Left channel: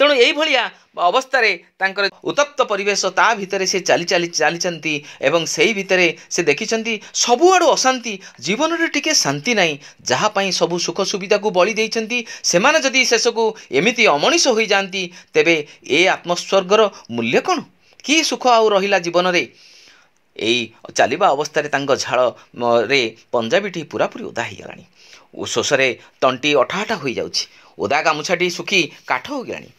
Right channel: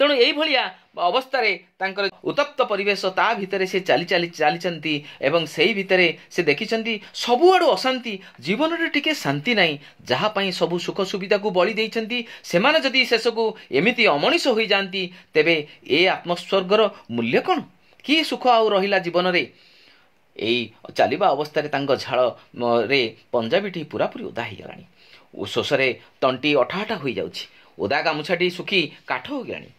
तेणु यही अवस्था तांकर उत्तप्त परिवेश ता भितर से चली एवं सही भितर से देखिं सबुआड़ अशांति जीवन में टिके शांति नहीं जहाँपाई सबू सुख सुविधा को बलि देइछंती सेमाने जदि शेष को एमिति अमनिष हो जाती तेबे ए आत्मस्वर्गर मूल्य कौन कि सुख आउ रहिला जीवन रे यही चलवा अवस्था झाड़ रे पंजाबीटी पूरापूरी ओदा हो गलानी शोषरे तंटी अठाटा हो जाउछि ओदा गामुछाटी सुखी काठ हो गलानी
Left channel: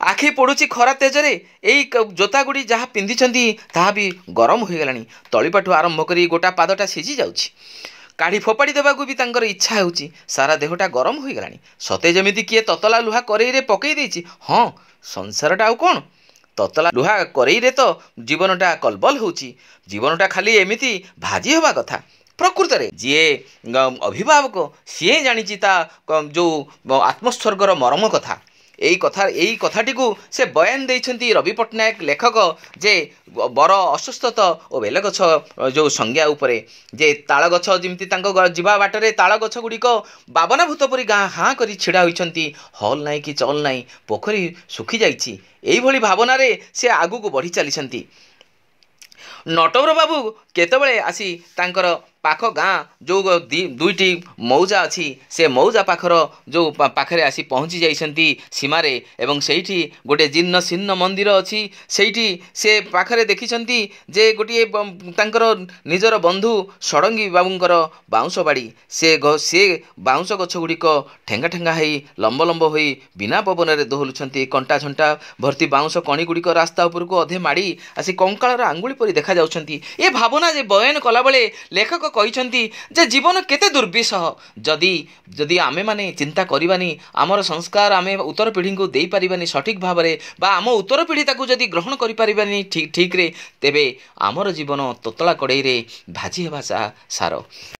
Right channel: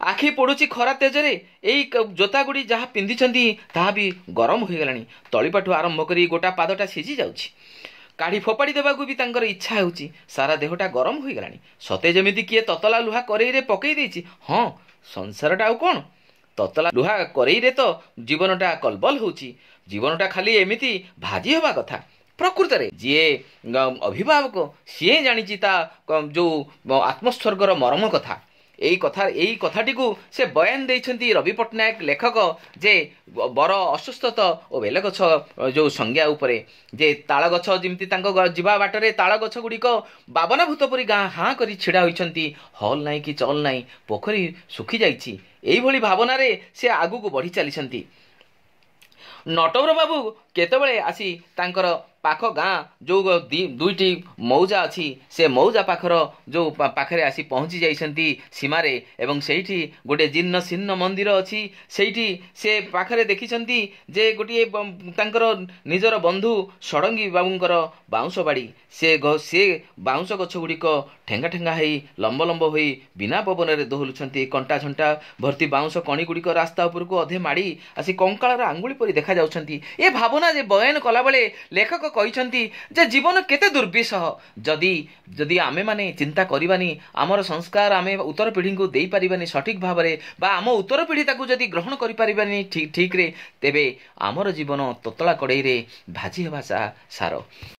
आखि पड़ुची खरा तेजरे यही जोतागुड़ी जहाँ पिंधिछंती ताहा भी गरम हो गलानी तलीपाठू आरंभ करी गोटा पादटा सिझी जाउछि काढ़ी फोपाड़ी देवाकू भी तांकर इच्छा होउछि सारा देहटा गरम हो गलानी सते जेमिति किए ततला लुहा करेईरे पकई देछि हाँ संसारटा आउ कोन ततला लुहा करेईरे तो जीवनटा कलबल होउछि जीवनटा खाली एमिति भाजी हवा कथा प्रकृत रे जीए अभिभावक सीए जानिछि ता जो आत्मस्वर्गर मरम कथा यही कथाटी को से बयान देइछंती रवि पट्टनायक लेखक जे बर असुस्थ और बेल गछ जो संज्ञा उपरे जे ताल गछ जमती जीवा बाटरे ताल गछ गुड़िक बाबनाभूत परी गाँ हाँ करी छिड़ा होइछंती हल नाई कि चल नाई पोखरी सुखी जाइछि एही भावना रे से आगु को बढ़ी चलीछंती नटवर बाबू केतबेले आसी तांकर पाख गाँ जो दुईटी मौजा अच्छी से मौजा पाखर जो पाखरे आसी पहुँची जाइछंती सीमारे एवं सेठी गोटे जीर्ण शीर्ण मंदिर अच्छी सेठी से पाखरे देखिछंती जे गोटे तांकर निजर बंधु षडंगी बाबूंकर बाउंश बाड़ी से बाउंश गछ गुड़िक ठेंगा ठेंगा होई लंब लंब होई बिना पवन रे दोहलुछंती कंटा झंटा भर्ती बाउंश कणी गुड़िक रास्ता उपर को अधे माड़ी आसी कंकाळर आंगुली परी देखा जाउछंती ए भावना जे बयान कला बेले लेखक कहिछंती जे जीवन केते दुर्विसह जदि जदि आमे माने चिंता करबानी आमर संस्कार आमे उत्तर पीढ़ी को देई परिबानी सठिक भाव में बा आम उत्तर पीढ़ी ताकू जदि ग्रहण करि परिबानी ठीक ठीक रे तेबे आमर जीवन ततला कड़ई रे भाजी हेबा सार।